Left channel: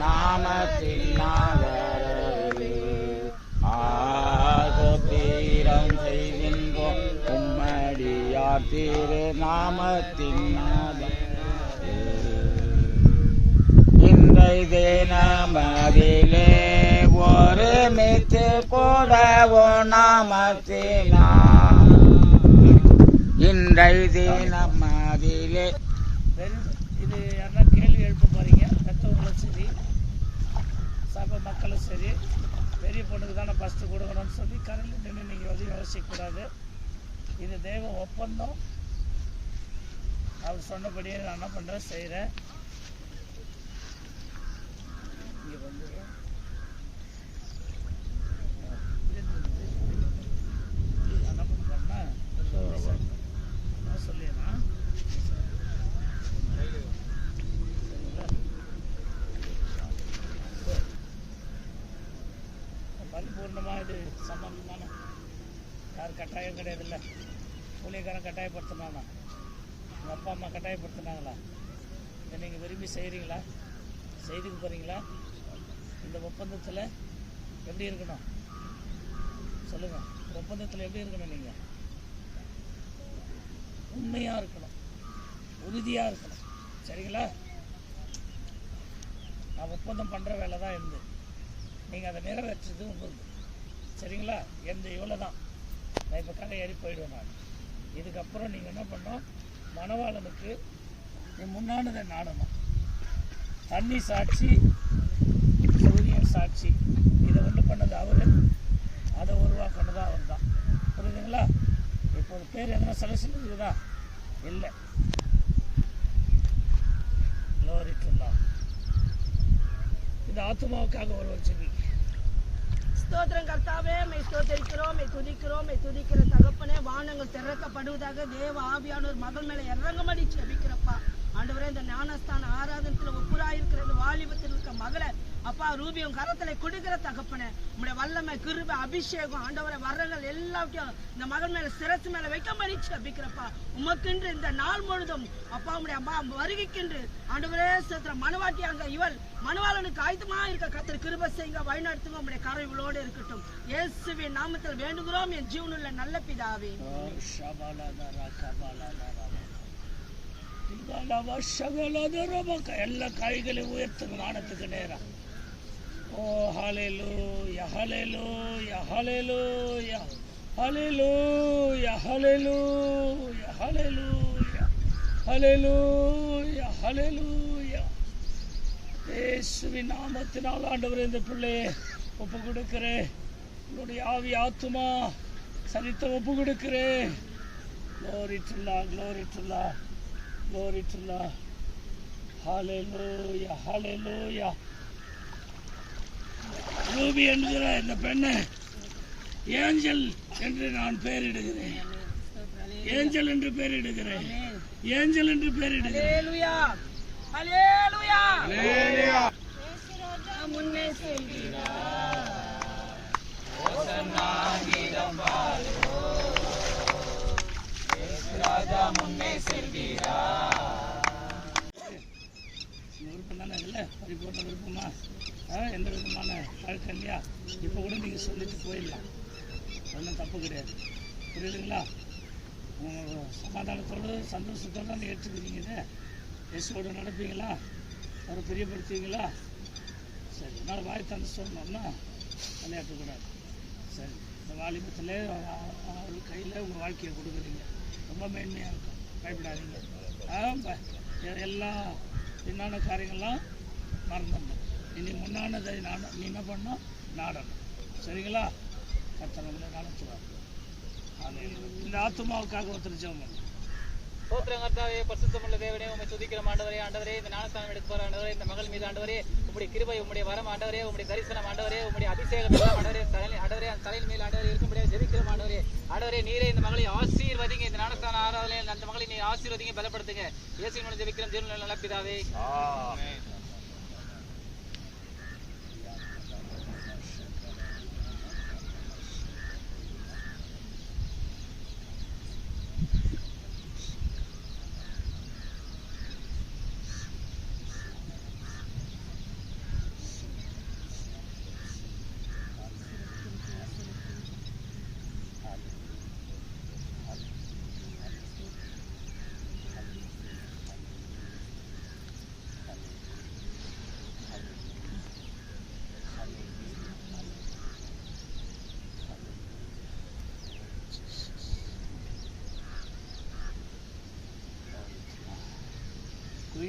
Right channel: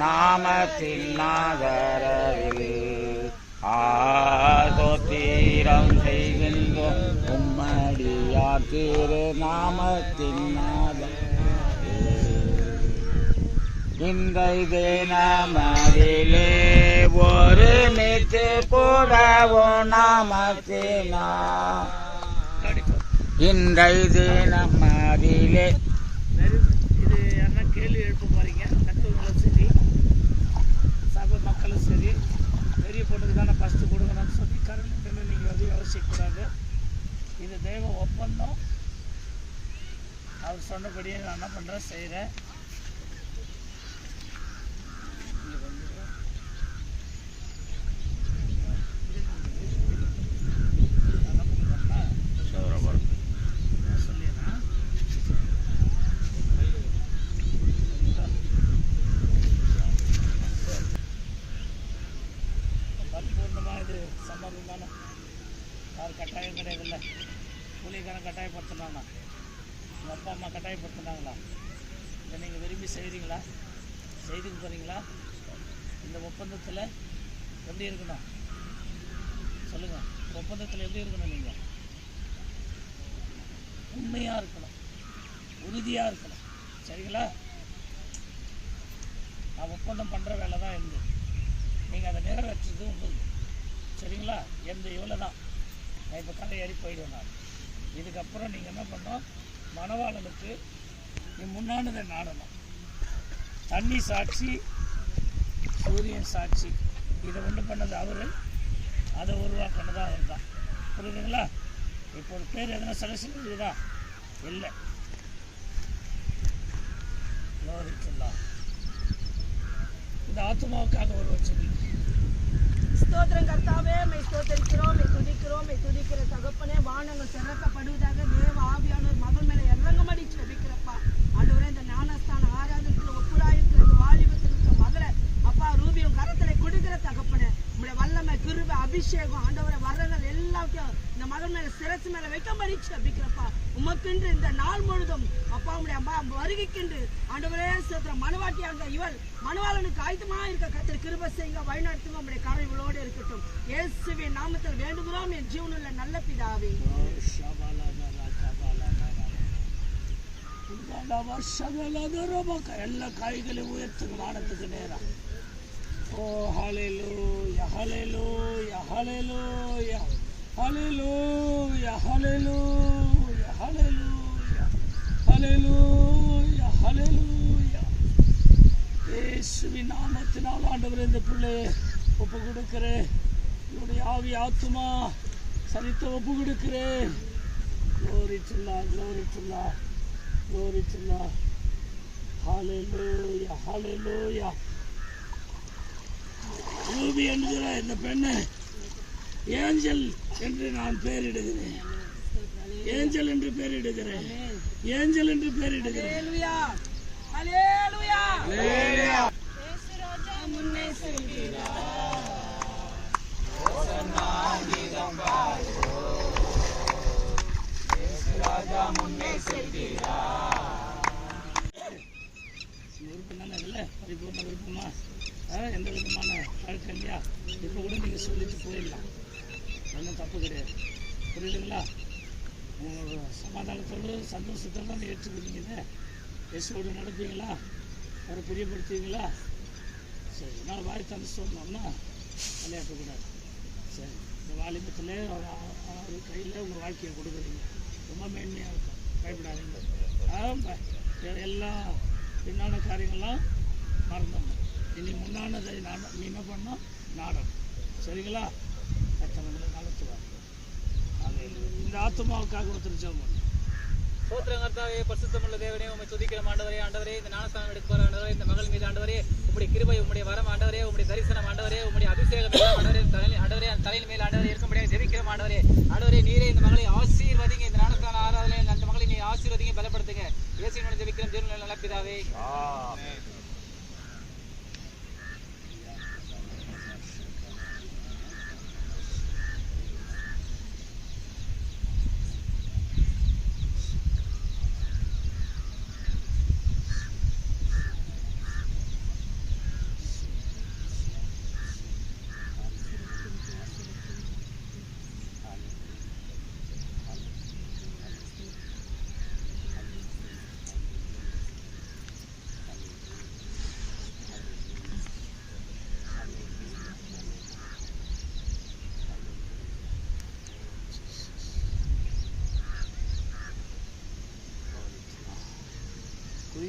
நாமத்தின் நாதரவில் ஆகோத்தீரம் செய்கின்றோம். உம்மடியார் திரு நாமத்தின் நாதர் இன்றைதே நாமதிலே ஒரு நித்து கூடவோ நாமத்தினா. இன்றைதே நம்மதிலே இது கேள்வி எழுப்ப போறீங்க? மக்களும் சரி பெரிய பொண்ணுக்கு தானே ஃபஸ்ட்டு கொடுக்கணும்னு சொல்லி கரண்ட் நின்று நீங்கள் வந்து யோசிக்கக்கூடாது. இது தெய்வம் ஒப்பந்தம். அவர் சொன்னபடியே நான் என்ன பண்ணுறேன் செய்கிறேன் இங்கே வந்து என்ன பண்ணுறேன்னா சொல்லிடுறேன் பரிபூர்ணமாக இது சம்மதம் தானே யார் கட்டாயம் கிடையாதுல்ல. கூலிக்காரன் கட்டாயப்படுத்தினானா உங்கள் அப்பா அம்மா கட்டாயப்படுத்தினாங்களா? இதை நீங்கள் விரும்பி செய்கிறீங்களா செய்துக்கு போகிறீங்களா இந்த ஒப்பந்தத்தில் எப்படி இருக்கணும்? சொல்லுங்கள் ஒப்பந்தத்தில் எப்படி இருக்கணும் நீங்கள் உண்மையாக இருக்கணும். உறுதியாக இருக்கணும். சரிங்களா? நான் ஒப்பந்தம் பண்ணுற வேலை தான் இருந்து நீங்கள் அதை நிறைவேற்றுறது உங்களுக்கு சரிங்களா? எந்த இவ்வளோ தான் நான் இப்போ கடை ஏறி போயிடுவேன் நான். இதுக்கப்புறம் நீங்கள் என்ன பண்ணோம் மணவாளனுக்கு நீ முன்னானதை நாடணும். தண்ணி சாட்சி சூரியன் சாட்சி இதை ஒன்று பண்ணது அவர். அதை உருவாக்கினது அவர் தான் புரியுதுங்களா? இப்போ ஒரு பேர் எதனா செலக்ஷன் இருக்குதா இல்லை. லோரிக்குல்லா இந்த ஆத்மாவுக்காக ஒரு வச்சது. ஸ்தோத்திரம் கர்த்தாவே. மை ஸ்தோத்தரிக்கிறோம் மை துதிக்கிறோம் மை துதிக்கிற தகப்பனே வானங்கள் திறக்கப்படுவதாக தேவ ஆவியானவர் மகள் மேல இறங்கமடி செபிக்கிறப்பா ஆண்டவரே இந்த ஞானஸ்தான ஆராதனத்துல ஒப்புராயிருக்கிற இந்த வாலிபத்தில் இருக்க மகளை அப்பா ரூபி உன் கரத்துல கொடுக்கிற தகப்பனே உடைய வல்லமை கிருப அபிஷேகம் ஆண்டவரை வரங்கள் எல்லாத்தையும் இந்த மகன் மேல சிரசு மேல வைக்க மறிச்சு அப்படிக்கிறப்பா உமக்கென்று இந்த நாள் முழுதும் அப்பா உங்களுடைய அம்மா வருகைக்கென்று ஆண்டவரே சேர்த்துற மனவாட்டியாக இவள் மனுவாளனுக்கு ஆயுதமா இருக்க கத்திர கிருப செய்யுங்க வழிநடத்துங்க உங்களுடைய கரவிகளோடு இருக்கட்டும். இயேசுவின் நாமத்தில் வேண்டுகிறோம் என் ஜீவனுள்ள நல்ல பிதாவே. எல்லா கைகளையும் உயர்த்துங்க வானத்துக்கு நேரம் ಓ ಹಾಲೆಲು ಯಹಲೆಲು ಯಹಲೆಲು ಯಹಲೆಲು ಯಹಲೆಲು ಯಹಲೆಲು ಯಹಲೆಲು ಯಹಲೆಲು இயேசுவின் நாமத்தினால் ஆண்டவர் இந்த பிள்ளை ஒப்பு கொடுக்கிறேன் என்னுடைய ஆவி ஆத்துமா சரித்த ஒப்பு கொடுக்கிறேன் க்ளோரிட்டுல்லா க்ளோரிட்டுல்லா க்ளோரிட்டுல்லா ஹாலே லோயா ஹாலே லோயா ரூபி என்கிற இந்த பெண்ணை? ஏஞ்சல் என்று நான் பெயரிடுகிறேன். ஏஞ்சல் என்று பெயரிடுகிறேன். ஏஞ்சல் என்று பெயரிடுகிறேன். முன்னே செல்கிறார். விருப்பம் தானே இல்லை பரிபூர்ண விருப்பமா எந்த விதமான பழக்கம் இல்லையா இப்போ கூட நீங்கள் சொல்லிட்டு போயிடலாம். ஒன்றும் தப்பு கிடையாது. புரியுதுங்களா? சமாதானத்தோடு சந்தோஷத்தோடு தான் ஏற்றுக்கிறீங்க எஸ்ஓடு நடப்பீங்களா? அவரை பிரியப்படுத்துவீங்களா? சரி என்னால் வாய் தந்து சொன்னோம்னா விளையாட்டக்கூடாது சரி இந்த வாலிபத்தில் அவர் கையில் உங்கள் வாழ்க்கையை கொடுக்குறீங்க. ரொம்ப மேன்மையாக இருக்கும். பயப்படாதீங்க. ஆ, எல்லா பின்னான காரியங்கள்லாம் மறந்துடணும். இனி முன்னானதை நாட நீ என்ன பண்ணணும் நாடணும். சரிங்களா? கத்தனை உங்களை நடத்துவார். இந்த ஆத்மாவுக்காக ஒருத்தர் ஜெபம் கர்த்தாவே பரிசுத்தமுள்ள தேவனே உம்மை துதிக்கிற ஆண்டவரே ஆண்டவரே இந்த ஞானஸ்தானம் எடுப்பார் ஆண்டவரே இந்த மகள் மீது ஆண்டவரே உம்முடைய கிருபை உம்முடைய வரம் ஆண்டவரே உம்முடைய தரிசனம் ஆண்டவரே உம்முடைய அபிஷேகம் ஆண்டவரே தலையில் ஆண்டவரே அந்த தலையின் மேல் ஆண்டவரே இருக்கும்படியாக ஜெபிக்கிறோம் ஆண்டவரே. ஆண்டவரே நீரே இந்த மகளை ஆசீர்வதிங்க இந்த ஞானஸ்தான ஆராதனை அந்த மகளை நீ ஆசீர்வதிங்க பலப்படுத்துங்க. இயேசுவின் மூலம் ஜெபிக்கிறோம் தேவனுடைய நல்ல பிதாவே.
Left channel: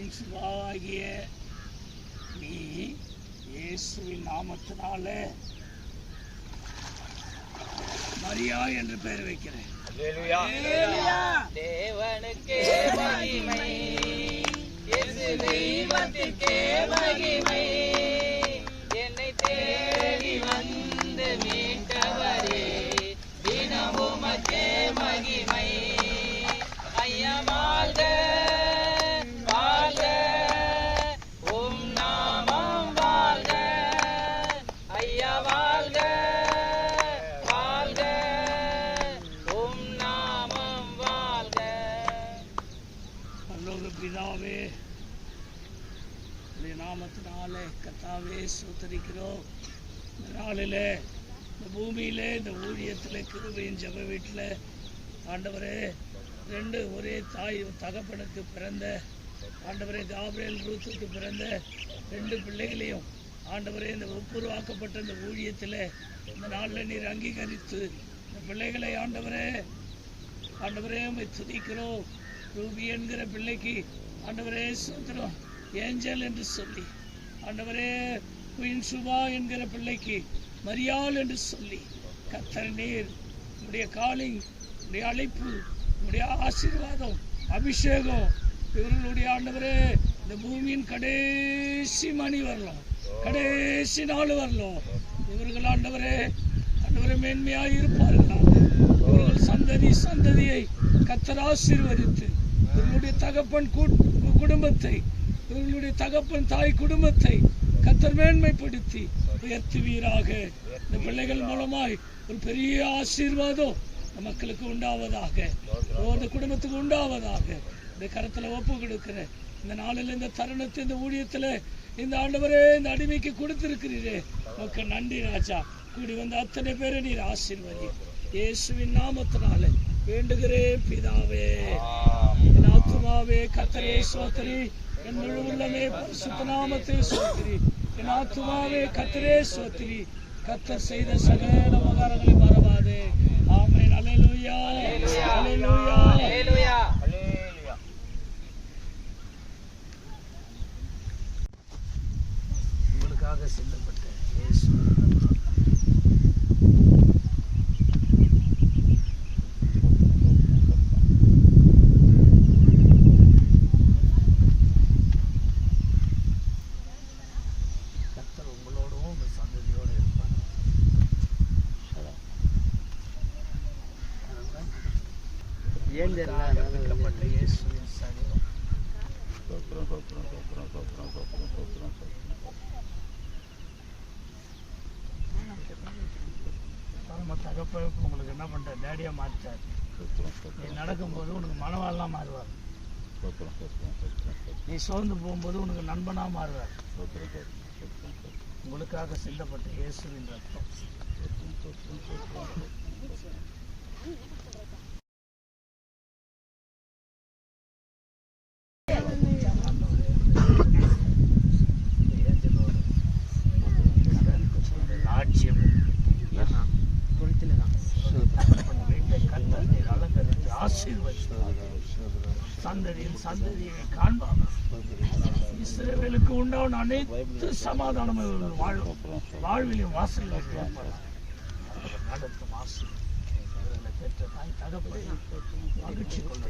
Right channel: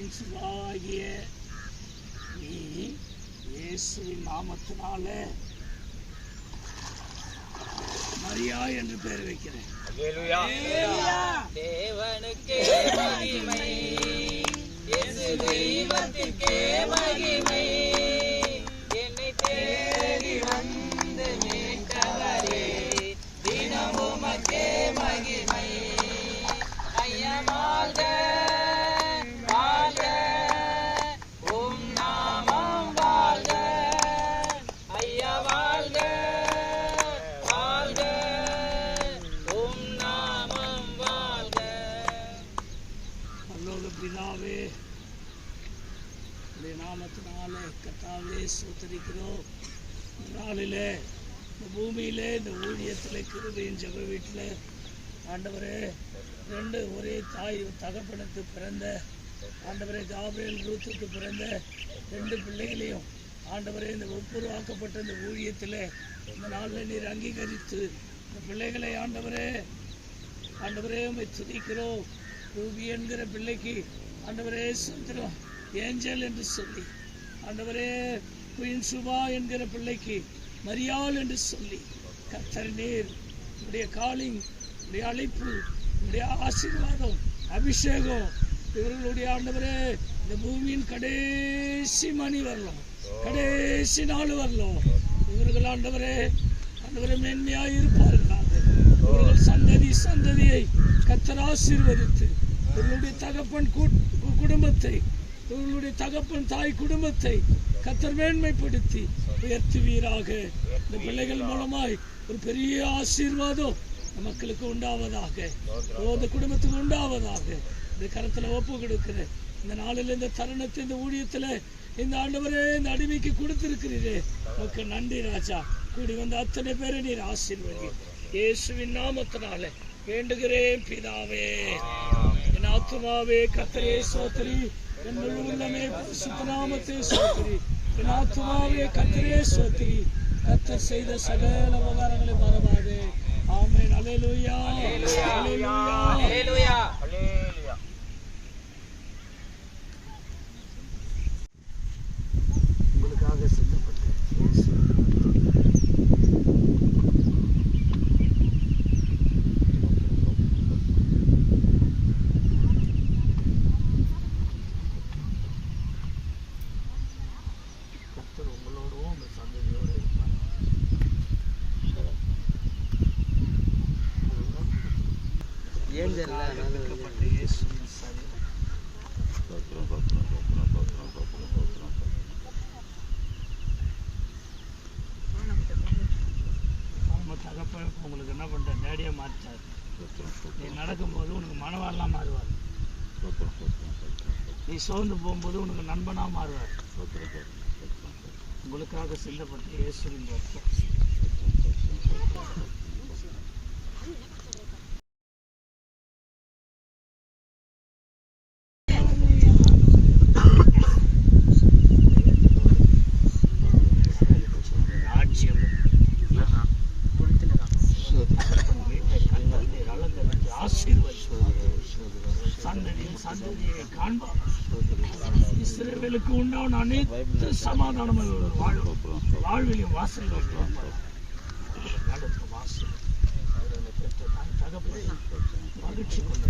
குயின் சுபாகிய நீ இயேசுவின் நாமத்தினால மரியா என்று பெயர் வைக்கிறேன். தேவனுக்கே மகிமை. இயேசு தெய்வத்திற்கே மகிமை. உடைய நாமத்தினால கத்தாவே சூத்தரிக்கிறோம் இந்த நாளில் இந்த பூமியில் இந்த ஊழியத்தில் கிருபையின் ஜப வீட்டில் ஆண்டவரே ரெண்டு ஒரே தாய் தகப்பனுக்கு பிறந்த ஆண்டவரே காபிரியல் ரூத்துக்கு பிறந்த ரெண்டு பிள்ளைகளையும் ஆண்டவரே இந்த ஒப்புருவாக்கப்பட்ட இந்த ஊழியத்தில் இந்த நாளில் நீர் அங்கீகரித்து இந்த பிள்ளைகளை ஆண்டவரே ஆண்டவரே துணிக்கிறோம் துதிக்கிறோம். ரூபி என்கிற பிள்ளைக்கு ஆண்டவரே சுத்திரம் ஏஞ்சல் என்று சொல்லி ஆண்டவரே குயின் சுபா என்கிற பிள்ளைக்கு மரியாள் என்று சொல்லி கத்தர் நீர் உடைய காலிங் உடைய அழைப்பு உடைய ஆசீர்வாதம் அபிஷேகம் இவர்களுடைய ஆண்டவரே இந்த பூமியின் கடைசி மணி வரலாம் கடைசி நாள் வரலாம் இவர்கள் ஆண்டவரே ஆண்டவரே மேன்மையாக இருப்பார்களாக இவர்கள் சந்ததி சந்ததியை கத்தர் ஆசீர்வதித்து இவர்களுடைய தகப்பன் குடும்பத்தை இவர்களுடைய தகப்பன் தாய் குடும்பத்தை கத்தர் மேன்மைப்படுத்தி உயர்த்துவீராக. இந்த பிள்ளைகள் மூலமாய் ஒரு பெரிய ஆசீர்வாதம் மக்களுக்கு உண்டாவதாக ஓ இந்த குடும்பத்துக்கு உண்டாவதாக. இந்த கரத்துல ஒப்பு கொடுக்கிறேன். இந்த நாளில் இந்த தருணத்தை இந்த ஊழியத்துல இந்த ஆண்டவரே இந்த அடிமைக்கு கொடுத்திருக்கிறீரே. உமக்கு நன்றி ராஜா. கூடி வந்த அத்தனை பேரை நீர் ஆசீர்வதி. இயேசுவின் நாமத்தினாலே வேண்டுகிறேன் பிதாவே. என் ஆத்துமாவே கத்தரே சோதரி என் முழு உள்ளமே பரிசுத்த நாமத்தை சோதரி என் ஆத்துமாவே கத்தரே சோத்திரி கத்தர் செய்த சகல உபகாரங்களை மறவாதே. ஆமென். அலையலுயா அலையலுயா ஹalleluya உங்களுக்காக சிந்தப்பட்ட இயேசு கர்த்தர் உங்களோடும் உங்கள் சந்ததியோடு இருப்பார். உங்களுக்காக விற்கப்பட்ட இயேசுவின் சரீரம். ஸ்தோத்திரம், ஸ்தோத்திரம், ஸ்தோத்திரம், ஸ்தோத்திரம், ஸ்தோத்திரம், ஸ்தோத்திரம், ஸ்தோத்திரம். நம்ம தகப்ப உங்களுக்கு என்ன பண்ற டேடியா மாற்றார் நீ நடக்கும்போது உனக்கு மனவாளெலாம் மாறுவார். நீ சோர்ந்து போகும்போது உனக்கு நண்பனா மாறுவார். உங்களுக்காக சிந்தப்பட்ட இயேசுவின் ரத்தம். அவர்களுக்கு உண்டான அனைத்து சமாதானம் வாழும் வாழ்விலையும் வாசல் மகிழ்ச்சி கொள்ள